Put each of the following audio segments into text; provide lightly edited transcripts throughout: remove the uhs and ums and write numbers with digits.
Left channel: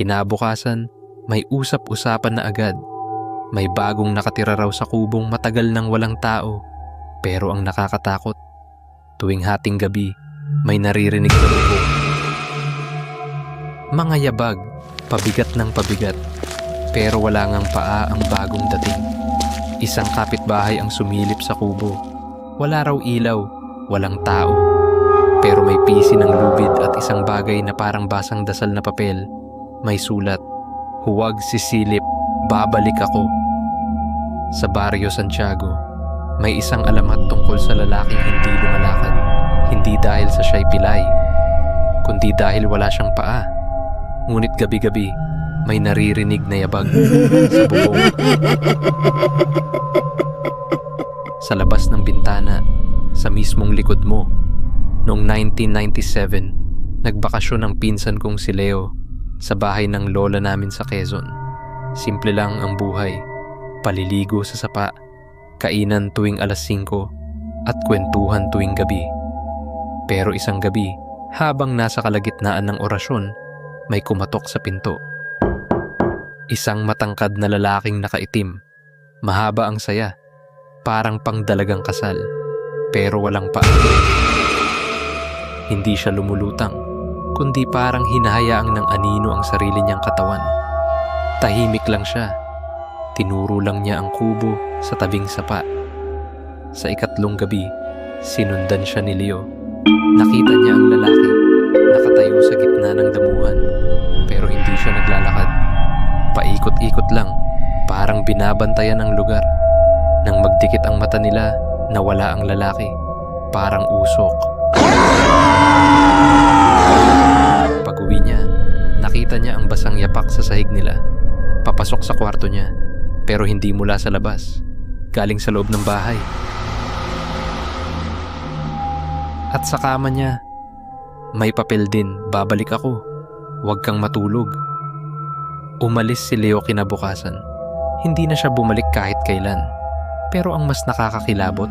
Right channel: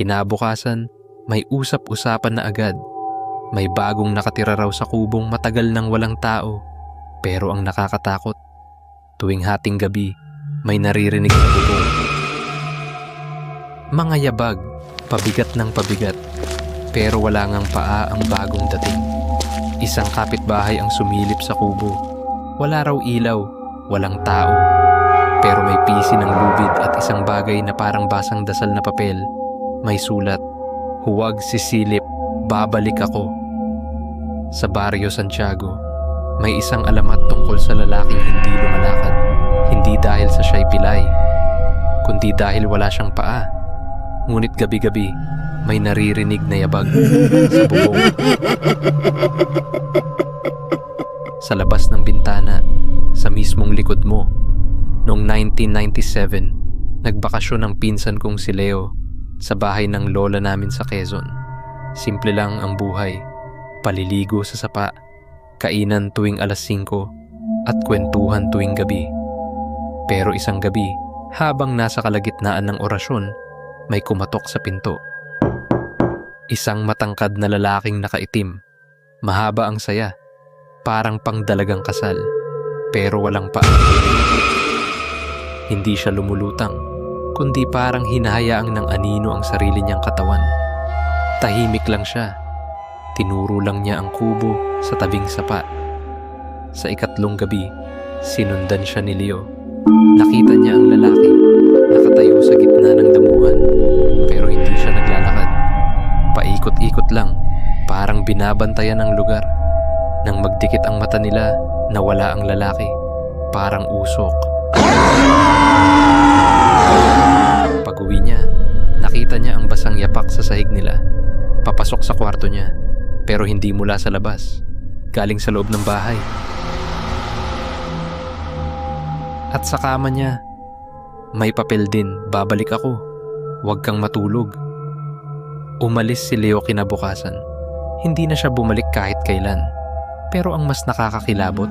Kinabukasan, may usap-usapan na agad. May bagong nakatira raw sa kubong matagal nang walang tao. Pero ang nakakatakot, tuwing hating gabi, may naririnig na bubong. Mga yabag, pabigat ng pabigat. Pero wala ngang paa ang bagong dating. Isang kapitbahay ang sumilip sa kubo. Wala raw ilaw, walang tao. Pero may pisi ng lubid at isang bagay na parang basang dasal na papel. May sulat, "Huwag sisilip, babalik ako." Sa Barrio Santiago, may isang alamat tungkol sa lalaking hindi lumalakad. Hindi dahil sa siya'y pilay, kundi dahil wala siyang paa. Ngunit gabi-gabi, may naririnig na yabag sa bubong. Sa labas ng bintana, sa mismong likod mo. Noong 1997, nagbakasyon ang pinsan kong si Leo sa bahay ng lola namin sa Quezon. Simple lang ang buhay, paliligo sa sapa, kainan tuwing alas 5 at kwentuhan tuwing gabi. Pero isang gabi, habang nasa kalagitnaan ng orasyon, may kumatok sa pinto. Isang matangkad na lalaking nakaitim, mahaba ang saya, parang pangdalagang kasal, pero walang paa. Hindi siya lumulutang, kundi parang hinahayaang ng anino ang sarili niyang katawan. Tahimik lang siya. Tinuro lang niya ang kubo sa tabing sapa. Sa ikatlong gabi, sinundan siya ni Leo. Nakita niya ang lalaki, nakatayo sa gitna ng damuhan, pero hindi siya naglalakad. Paikot-ikot lang, parang binabantayan ang lugar. Nang magdikit ang mata nila, nawala ang lalaki, parang usok. Pag-uwi niya, nakita niya ang basang yapak sa sahig nila. Papasok sa kwarto niya, pero hindi mula sa labas, galing sa loob ng bahay. At sa kama niya, may papel din, "Babalik ako, huwag kang matulog." Umalis si Leo kinabukasan. Hindi na siya bumalik kahit kailan. Pero ang mas nakakakilabot,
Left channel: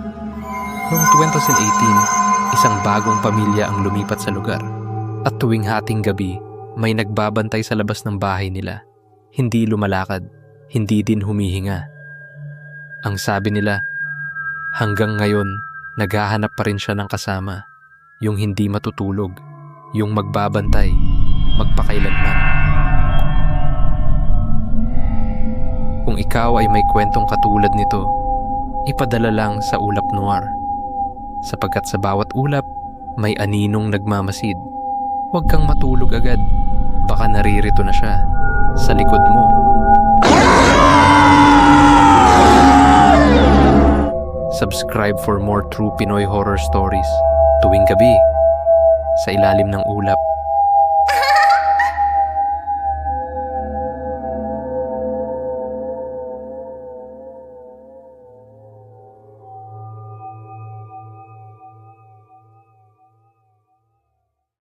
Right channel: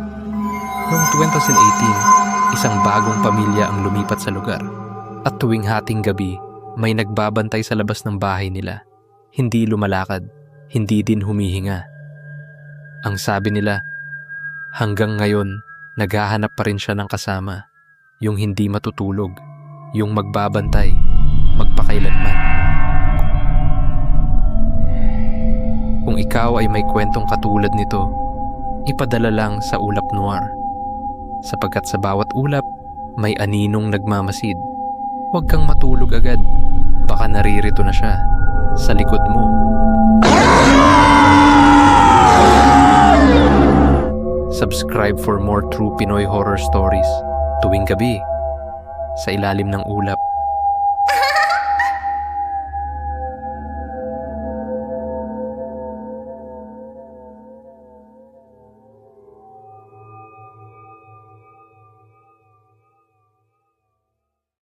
noong 2018, isang bagong pamilya ang lumipat sa lugar. At tuwing hating gabi, may nagbabantay sa labas ng bahay nila. Hindi lumalakad, hindi din humihinga. Ang sabi nila, hanggang ngayon, naghahanap pa rin siya ng kasama. Yung hindi matutulog, yung magbabantay, magpakailanman. Kung ikaw ay may kwentong katulad nito, ipadala lang sa Ulap Noir. Sapagkat sa bawat ulap, may aninong nagmamasid. Huwag kang matulog agad, baka naririto na siya sa likod mo. Subscribe for more true Pinoy horror stories tuwing gabi sa ilalim ng ulap.